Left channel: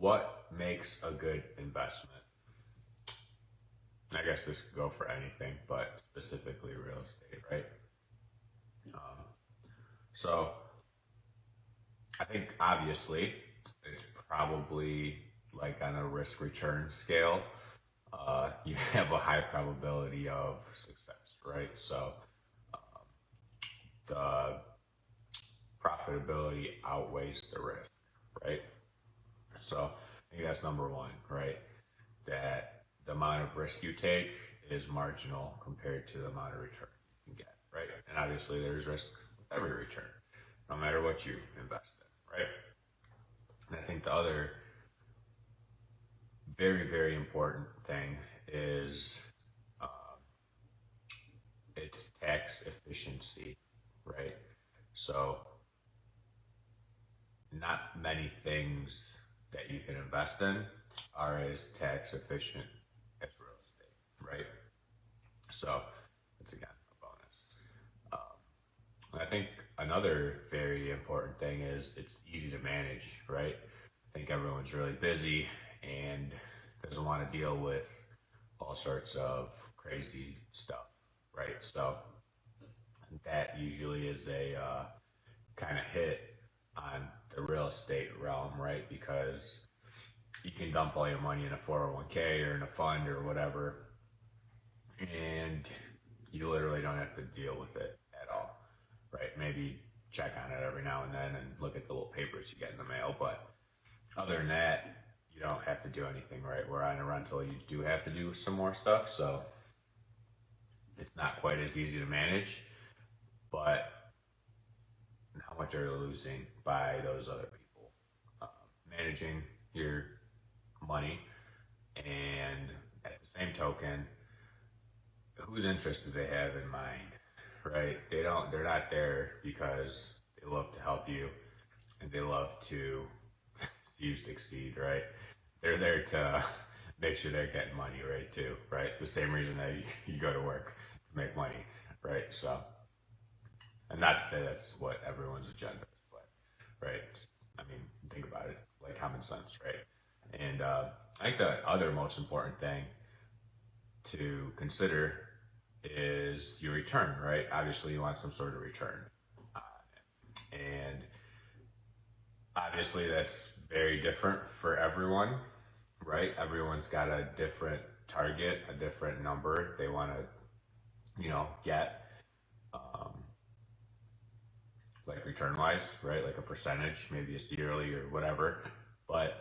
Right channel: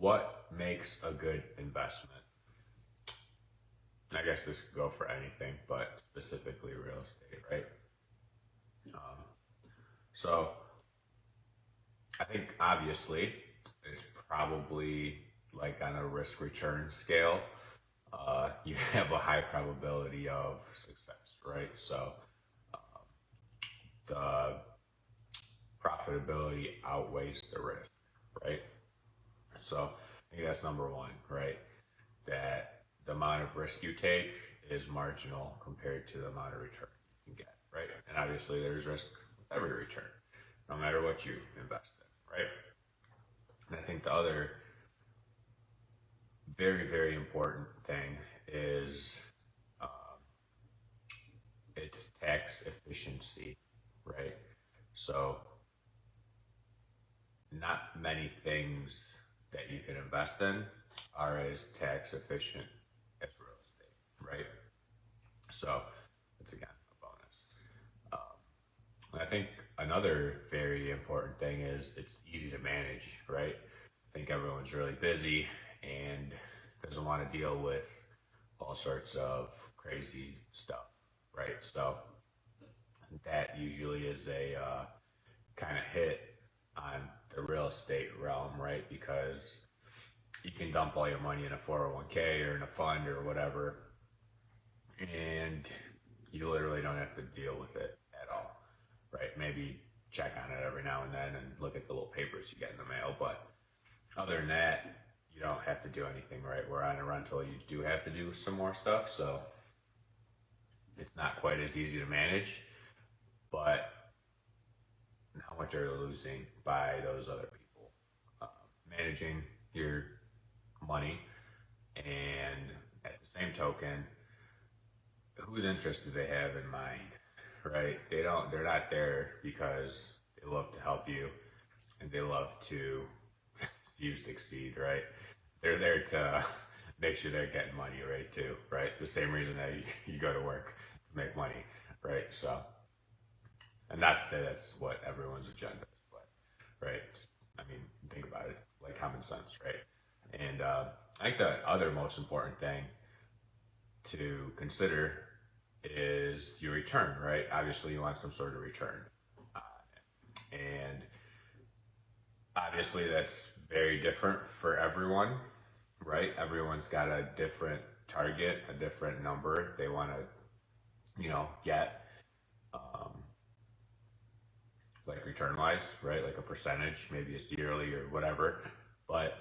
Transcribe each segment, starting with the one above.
what makes a good investment? I guess this could go for anything, but specifically real estate, right? Um, so I think obviously it's probably like on a risk return scale, you have a high probability of success, right? So the profitability outweighs the risk, right? So I think that's number one, right? That the amount of risk you take is marginal compared to the amount of return you can get, right? And obviously there's risk with every return, no matter what you invest in, right? And I think the other very, very important thing is um, it's tax efficiency, right? So not many things that you can invest in are as tax efficient as real estate, right? So it's again a bonus. I think another very important thing is it's easy to manage, right? I think everyone's really busy and doesn't want to deal with all sorts of crazy stuff, right? So that usually is a kind of hit on the real estate realm, right? Because you can dump all your money in a 401k or in a fund or whatever, and you literally don't have to deal with it at all, right? Maybe check on it every now and then and look at the little papers you get in the mail, but other than that, you don't have to do anything, right? Where on a rental, you do have to do some more stuff, so it's not quite as easy to manage, but how much are you losing by those other people managing your money? And at the same token, whose interest do they have in mind, right? They're not there because they love to help you and they love to see you succeed, right? They're there to make sure they're getting money, right? Too, right? The same reason that you go to work to make money, right? So, and not to say that's what everyone's agenda is, but right? I mean, think about it, like common sense, right? And I think the other most important thing to consider is your return, right? Obviously, you want some sort of return. And obviously, that's very different for everyone, right? Everyone's got a different target, a different number they want to, get, um, like return wise, right? Like a percentage, maybe it's yearly or whatever. But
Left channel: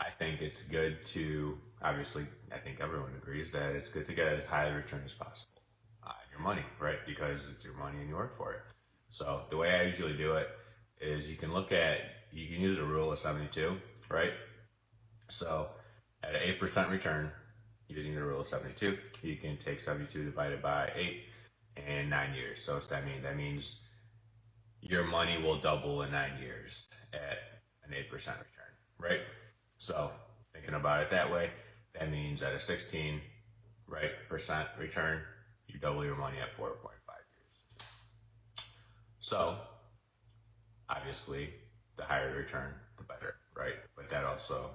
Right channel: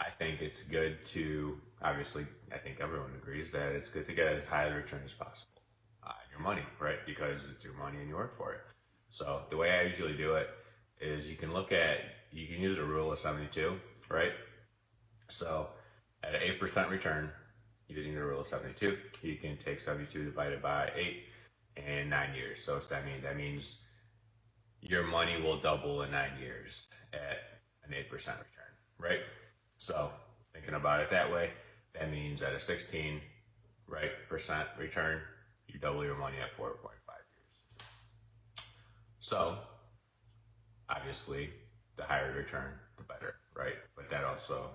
I think it's good to, obviously, I think everyone agrees that it's good to get as high a return as possible on your money, right? Because it's your money and you work for it. So the way I usually do it is you can use a rule of 72, right? So at an 8% return, using the rule of 72, you can take 72 divided by 8 in 9 years. So what's that mean? That means your money will double in 9 years at an 8% return, right? So thinking about it that way, that means at a 16, right, percent return, you double your money at 4.5 years. So obviously, the higher the return, the better, right? But that also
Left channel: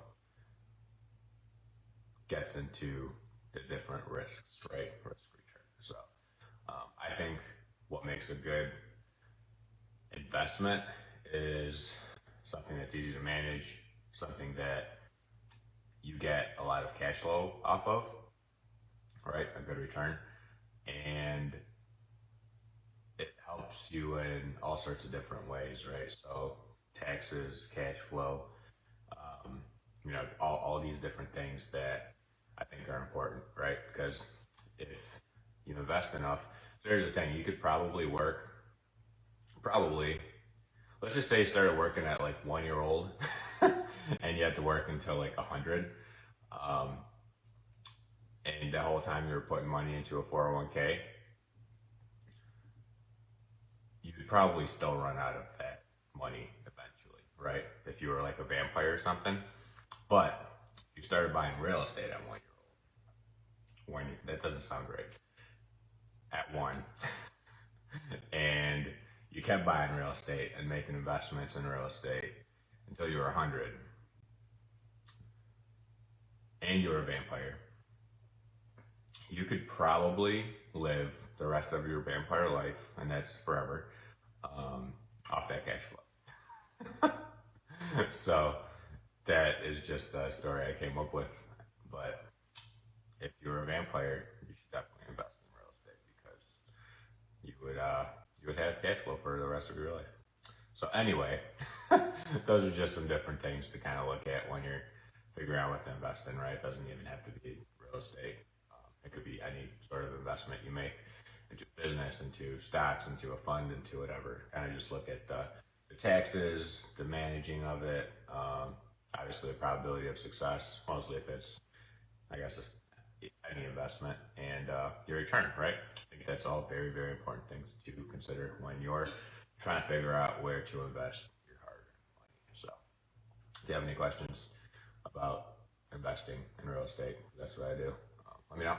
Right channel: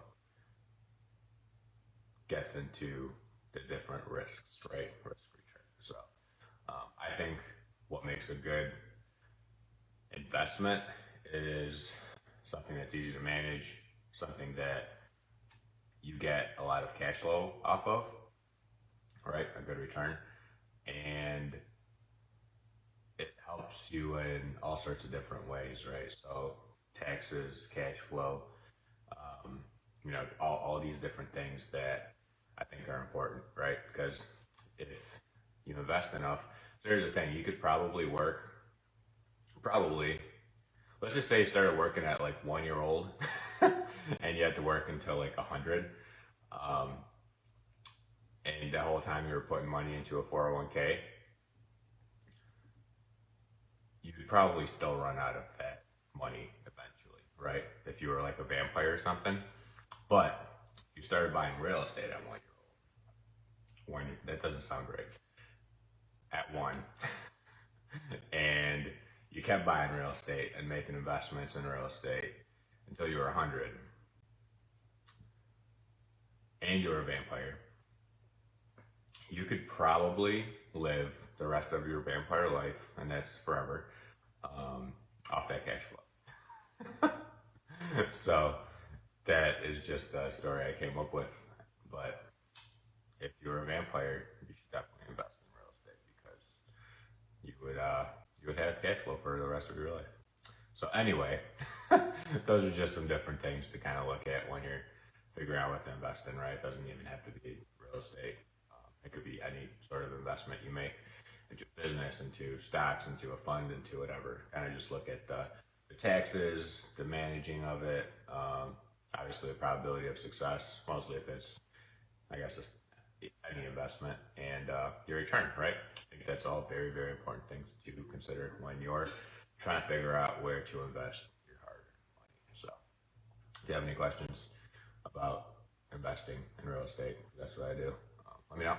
gets into the different risks, right? Risk return. So I think what makes a good investment is something that's easy to manage, something that you get a lot of cash flow off of, right? A good return. And it helps you in all sorts of different ways, right? So taxes, cash flow, all these different things that I think are important, right? Because if you invest enough, so here's the thing, you could probably, let's just say you started working at like 1 year old and you had to work until like 100. Um, and the whole time you were putting money into a 401k, you could probably still run out of that money eventually, right? If you were like a vampire or something. But you started buying real estate at 1 year old. That doesn't sound great. At one, and you kept buying real estate and making investments in real estate until you were 100. and you're a vampire, you could probably live the rest of your vampire life, and that's forever, off that cash flow. So that is just a story I came up with. But if you're a vampire, you should definitely invest in real estate because you would have cash flow for the rest of your life. So anyway, those are just some different things to kind of look at when you're figuring out what to invest in, right? It doesn't even have to be real estate. It could be any sort of investment you make into business, into stocks, into a fund, into whatever. Kind of just look at the taxes, the managing of it, obviously the probability of success, mostly if it's, I guess, it's any investment, and your return, right? I think that's all very, very important things to consider when you're trying to figure out where to invest your hard-earned money. So, if you have any questions about investing in real estate, that's what I do. Let me know.